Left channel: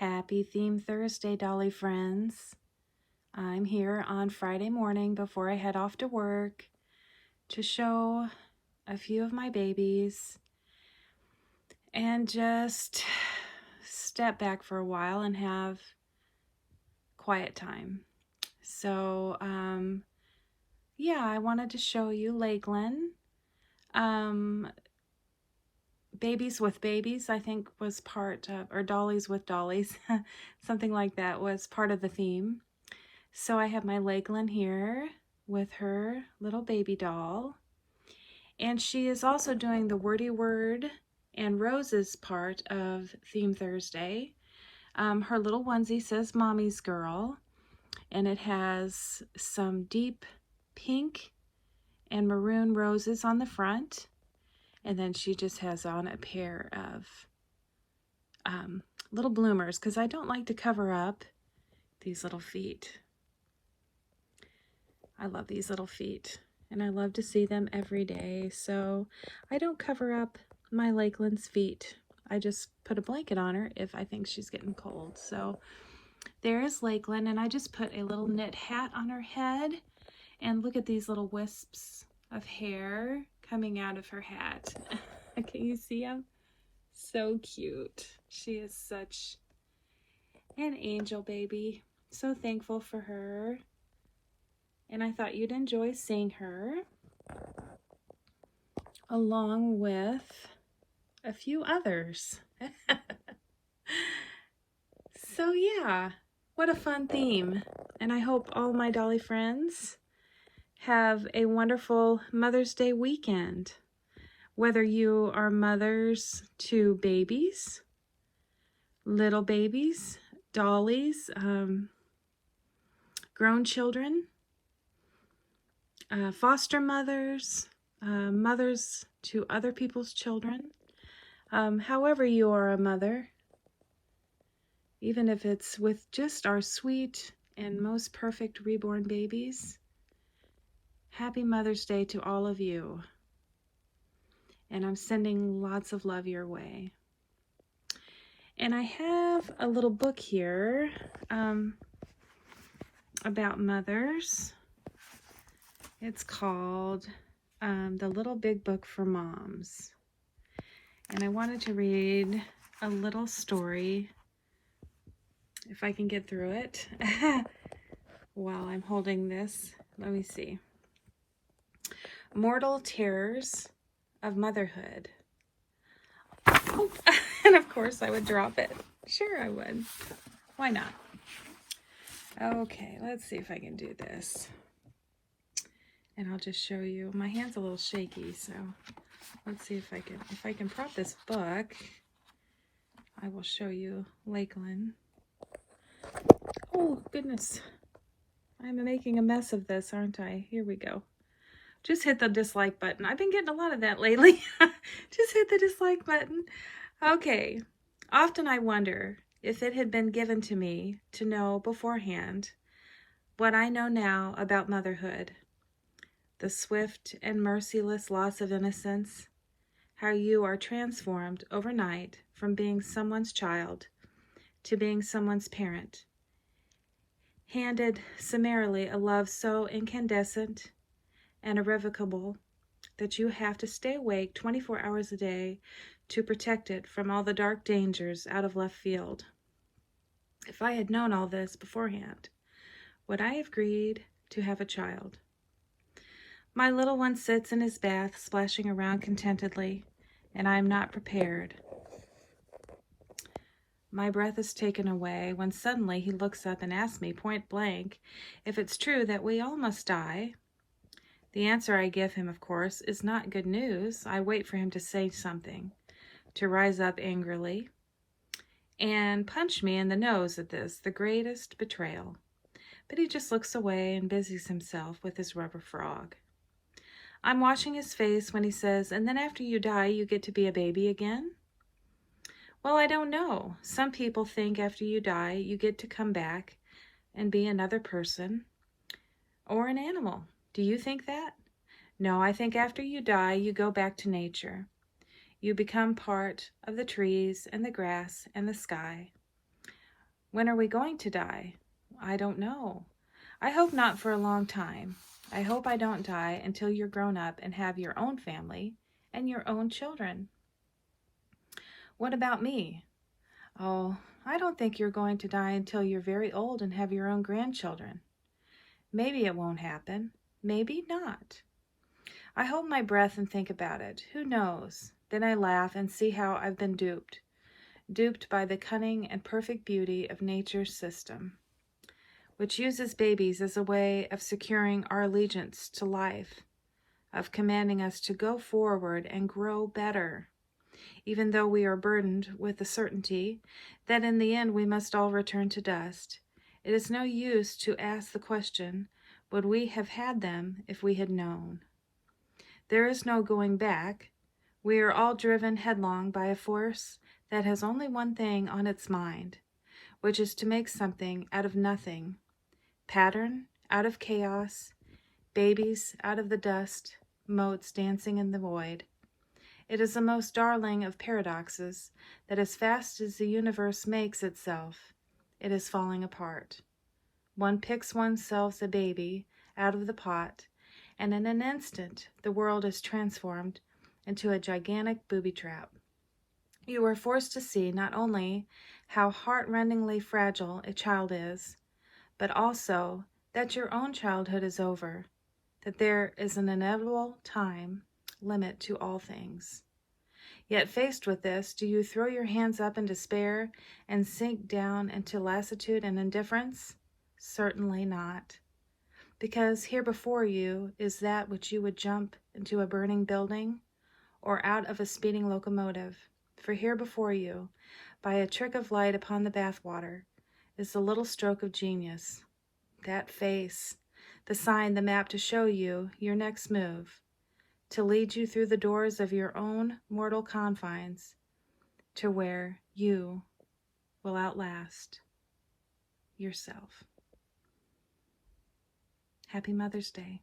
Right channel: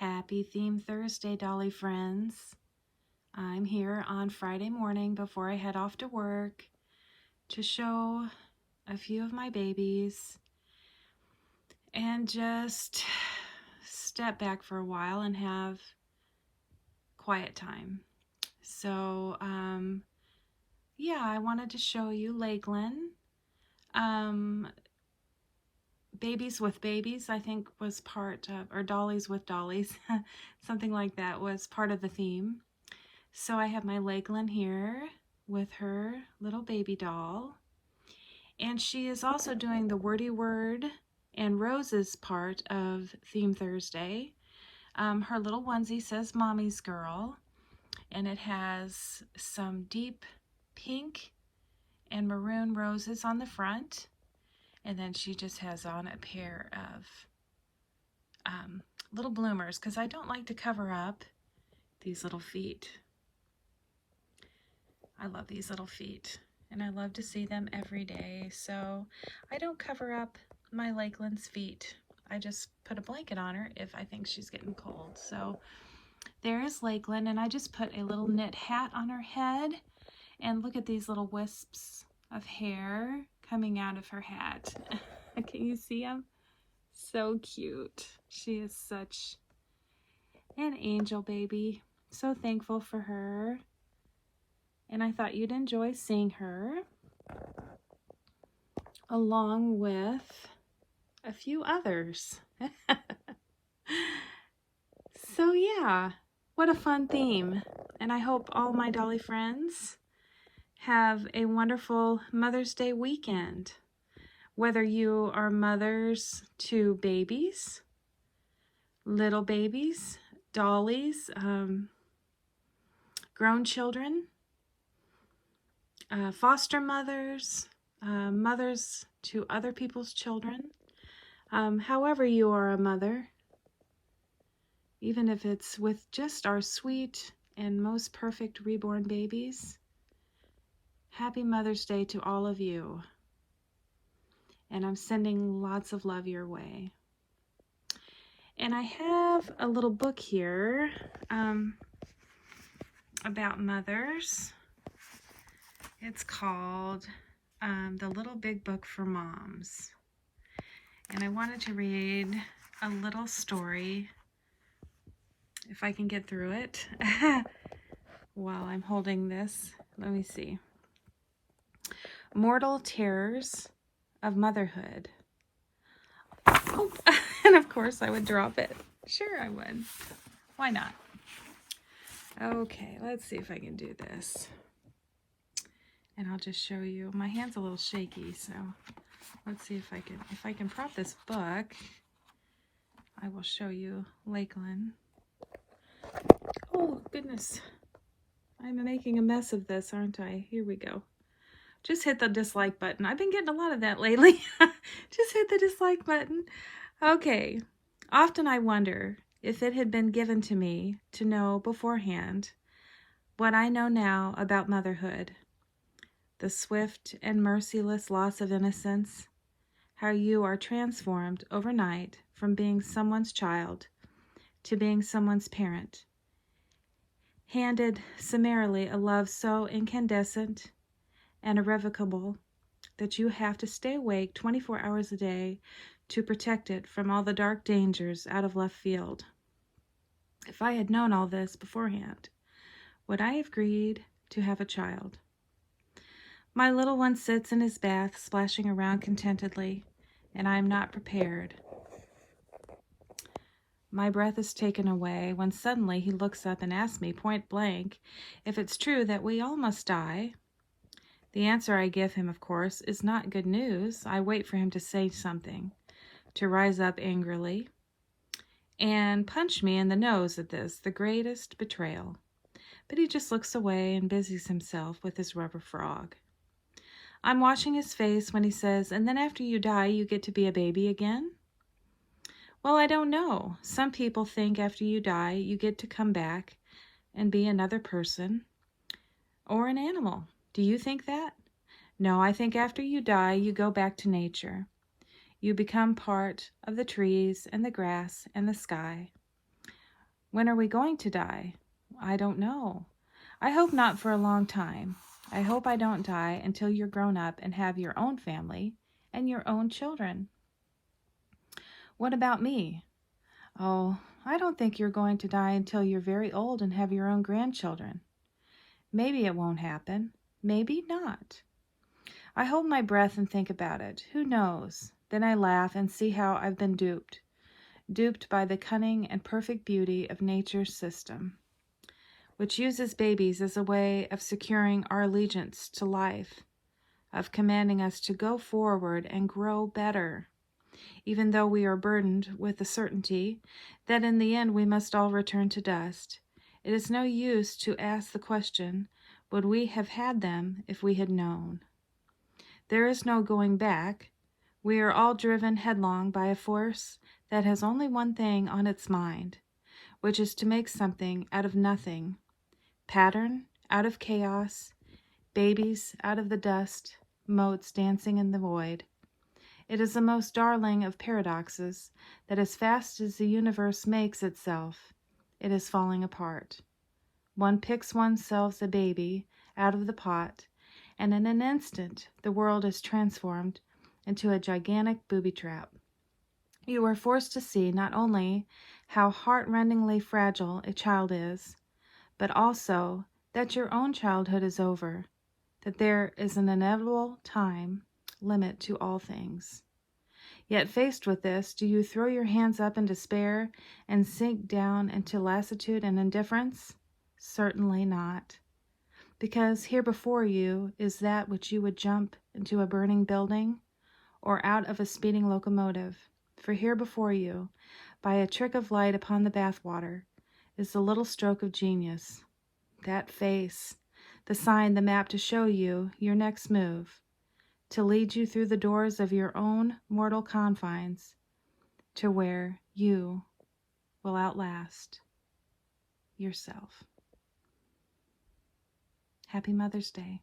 Happy Theme Thursday, Dolly friends. I'm here on Friday morning before I head off to work to show a few of my babies and just step back for a while and have quiet time. So, yeah, I wanted to show you Lakelyn. Babies with Babies, I think, was part of, or Dollies with Dollies, something like that was part of the theme. So I have my Lakelyn here with her little baby doll. And she is also doing the Wordy-Word and Roses part of Theme Thursday. Her little onesie says Mommy's Girl, and it has some deep pink and maroon roses on the front. And then she just has on a pair of little bloomers, because I don't like to cover up these little feet. I love these little feet, and I love to see them every day. So I don't cover up my Lakelyn's feet. I just put a blanket on her if I think she's getting cold. So there's Lakelyn, and I just put a little knit hat on her head. And look at these little wisps of hair coming out of her hat. Can you see them? So cute. She is such an angel baby. So thankful for her. And I thought you'd enjoy seeing her along with a few others. So yeah, what a fun theme. And I hope all my Dolly friends have a wonderful Mother's Day weekend. Whether you are mothers to babies, little babies, dollies, grown children, foster mothers, mothers to other people's children, however you are a mother, even if it's with just our sweet and most perfect reborn babies, happy Mother's Day to all of you. And I'm sending lots of love your way. And I have a little book here about mothers. It's called The Little Big Book for Moms. And I wanted to read a little story, if I can get through it, while I'm holding this. Let me see. Mortal Terrors of Motherhood. Oh, and of course I would drop it. Sure I would. Why not? Okay, let's see if I can do this. And I'll just show you. My hand's a little shaky, so let's see if I can prop this book. I will show you Lakelyn. Oh goodness. I'm making a mess of this, aren't I? Here we go. Just hit the dislike button. I've been getting a lot of that lately. Just hit the dislike button. Okay. Often I wonder if it had been given to me to know beforehand what I know now about motherhood, the swift and merciless loss of innocence, how you are transformed overnight from being someone's child to being someone's parent, handed summarily a love so incandescent and irrevocable that you have to stay awake 24 hours a day to protect it from all the dark dangers out of left field. If I had known all this beforehand, would I have agreed to have a child? My little one sits in his bath, splashing around contentedly, and I am not prepared. My breath is taken away when suddenly he looks up and asks me point blank if it's true that we all must die. The answer I give him, of course, is not good news. I wait for him to say something, to rise up angrily. and punched me in the nose at this, the greatest betrayal. But he just looks away and busies himself with his rubber frog. I'm watching his face when he says, "And then after you die, you get to be a baby again?" Well, I don't know. Some people think after you die, you get to come back and be another person or an animal. Do you think that? No, I think after you die, you go back to nature. You become part of the trees and the grass and the sky. When are we going to die? I don't know. I hope not for a long time. I hope I don't die until you're grown up and have your own family and your own children. What about me? Oh, I don't think you're going to die until you're very old and have your own grandchildren. Maybe it won't happen. Maybe not. I hold my breath and think about it. Who knows? Then I laugh and see how I've been duped. Duped by the cunning and perfect beauty of nature's system, which uses babies as a way of securing our allegiance to life, of commanding us to go forward and grow better, even though we are burdened with the certainty that in the end we must all return to dust. It is no use to ask the question, would we have had them if we had known? There is no going back. We are all driven headlong by a force that has only one thing on its mind, which is to make something out of nothing, pattern out of chaos, babies out of the dust, motes dancing in the void. It is the most darling of paradoxes that as fast as the universe makes itself, it is falling apart. One picks oneself a baby out of the pot, and in an instant the world is transformed into a gigantic booby trap. You are forced to see not only how heart-rendingly fragile a child is, but also that your own childhood is over, that there is an inevitable time limit to all things. Yet faced with this, do you throw your hands up in despair and sink down into lassitude and indifference? Certainly not. Because here before you is that which you would jump into a burning building or out of a speeding locomotive. For here before you, by a trick of light upon the bathwater, is the little stroke of genius. That face, the sign, the map to show you your next move, to lead you through the doors of your own mortal confines to where you will outlast yourself. Happy Mother's Day.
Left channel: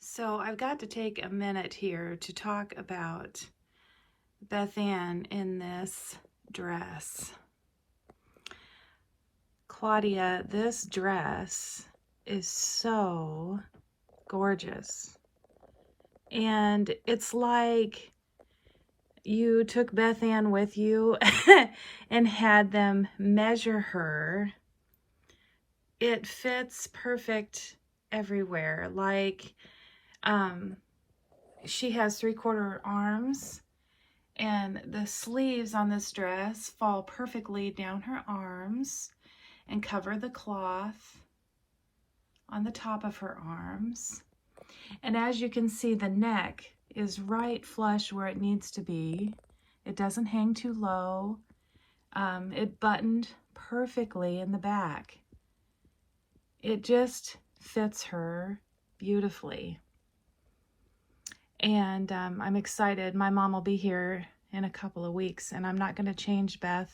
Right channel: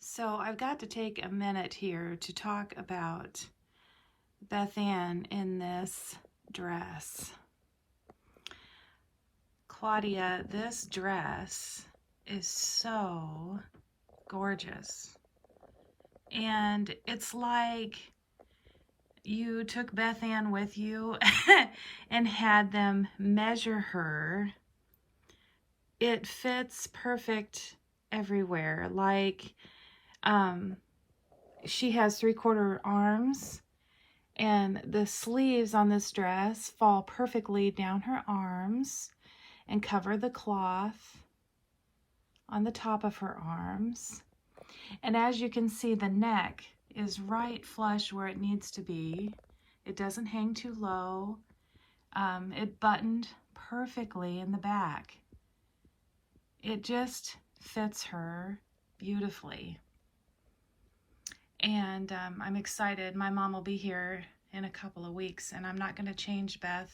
So I've got to take a minute here to talk about Beth-Ann in this dress. Claudia, this dress is so gorgeous. And it's like you took Beth-Ann with you and had them measure her. It fits perfect everywhere. Like, she has 3/4 arms, and the sleeves on this dress fall perfectly down her arms and cover the cloth on the top of her arms. And as you can see, the neck is right flush where it needs to be. It doesn't hang too low. It buttoned perfectly in the back. It just fits her beautifully. And I'm excited. My mom will be here in a couple of weeks, and I'm not going to change Beth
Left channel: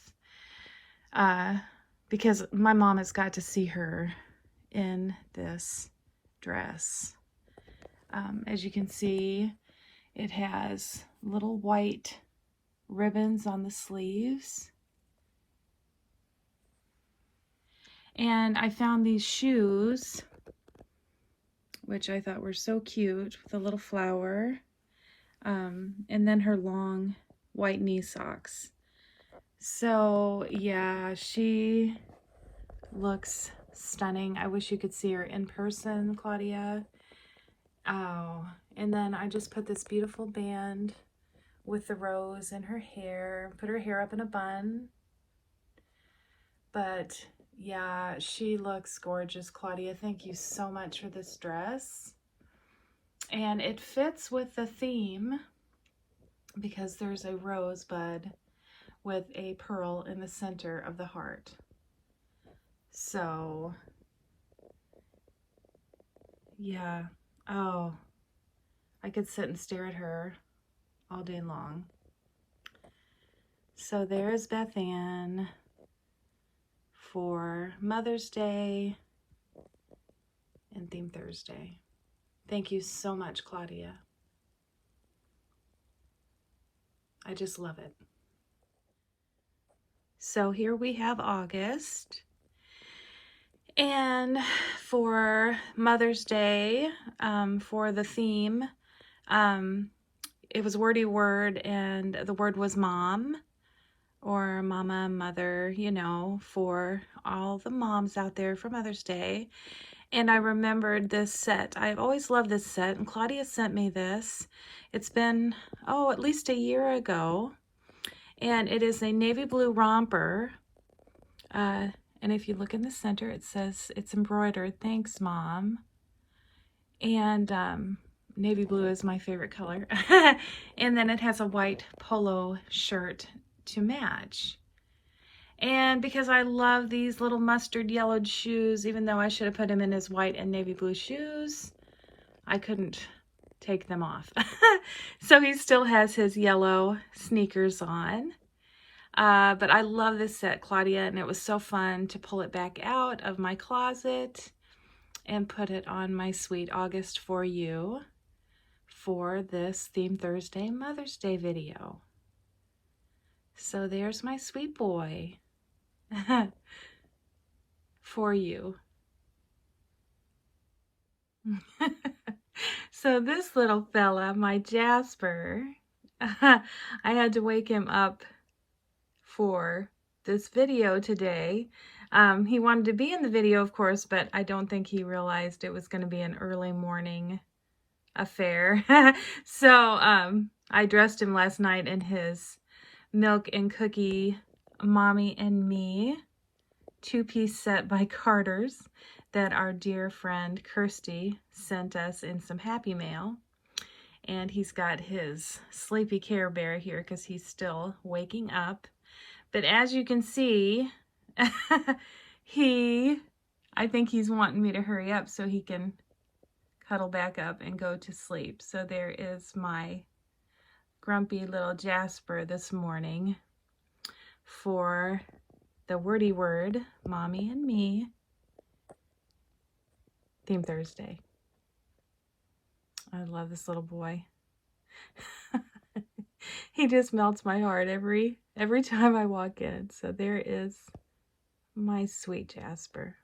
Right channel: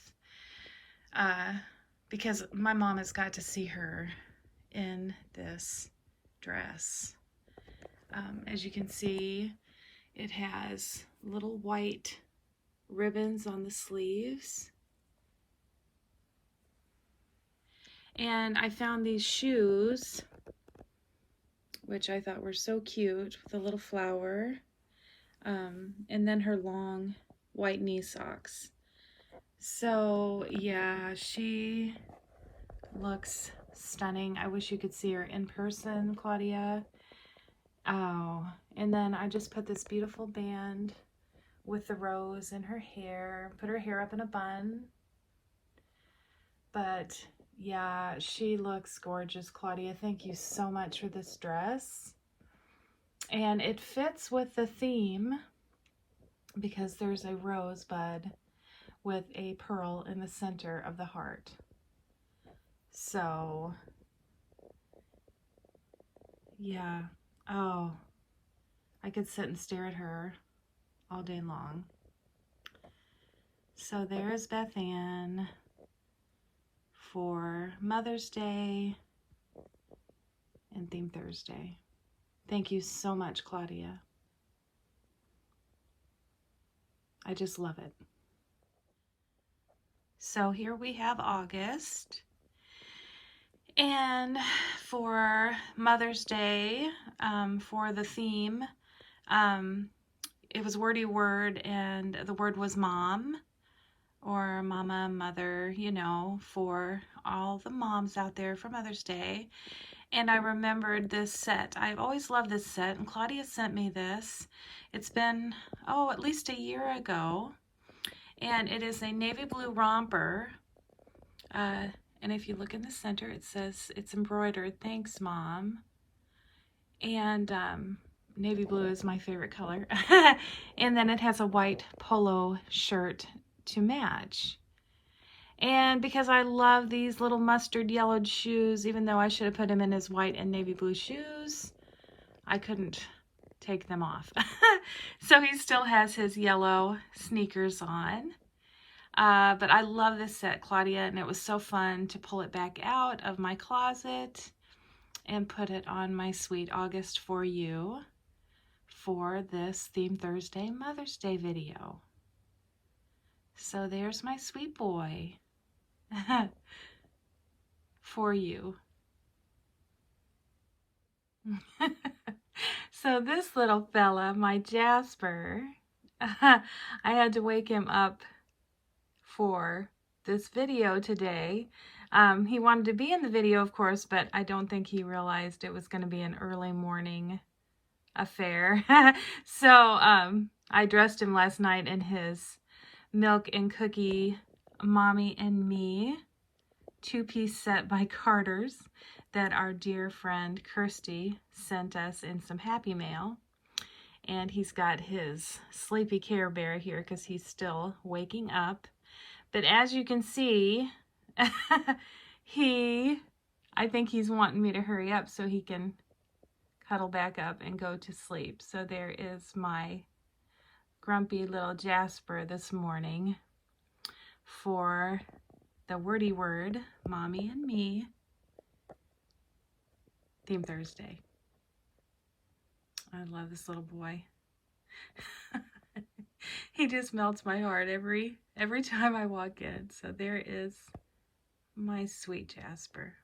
because my mom has got to see her in this dress. As you can see, it has little white ribbons on the sleeves. And I found these shoes, which I thought were so cute, with a little flower, and then her long white knee socks. So yeah, she looks stunning. I wish you could see her in person, Claudia. Oh, and then I just put this beautiful band with the rose in her hair, put her hair up in a bun. But yeah, she looks gorgeous, Claudia. Thank you so much for this dress. And it fits with the theme because there's a rosebud with a pearl in the center of the heart. So, yeah. Oh, I could sit and stare at her all day long. So there's Beth-Ann for Mother's Day and Theme Thursday. Thank you so much, Claudia. I just love it. So here we have August. And for Mother's Day, for the theme, it was Wordy-Word, and the word was mom, or mama, mother, you know, for all the moms out there for Mother's Day. And I remembered this set. I've always loved this set, and Claudia sent me this. It's been, at least a year ago. And it is a navy blue romper. And if you look in the center, it says it's embroidered, "Thanks, Mom." And navy blue is my favorite color. And then it has a white polo shirt to match. And because I love these little mustard yellowed shoes, even though I should have put him in his white and navy blue shoes, I couldn't take them off. So he still has his yellow sneakers on. But I love this set, Claudia, and it was so fun to pull it back out of my closet and put it on my sweet August for you for this Theme Thursday Mother's Day video. So there's my sweet boy for you. So this little fella, my Jasper, I had to wake him up for this video today. He wanted to be in the video, of course, but I don't think he realized it was going to be an early morning affair. So I dressed him last night in his milk and cookie Mommy and Me 2-piece set by Carter's that our dear friend Kirsty sent us in some Happy Mail. And he's got his sleepy Care Bear here because he's still waking up. But as you can see, I think he's wanting me to hurry up so he can cuddle back up and go to sleep. So there is my grumpy little Jasper this morning for the Wordy-Word, Mommy and Me, Theme Thursday. I love this little boy. He just melts my heart every time I walk in. So there is my sweet Jasper.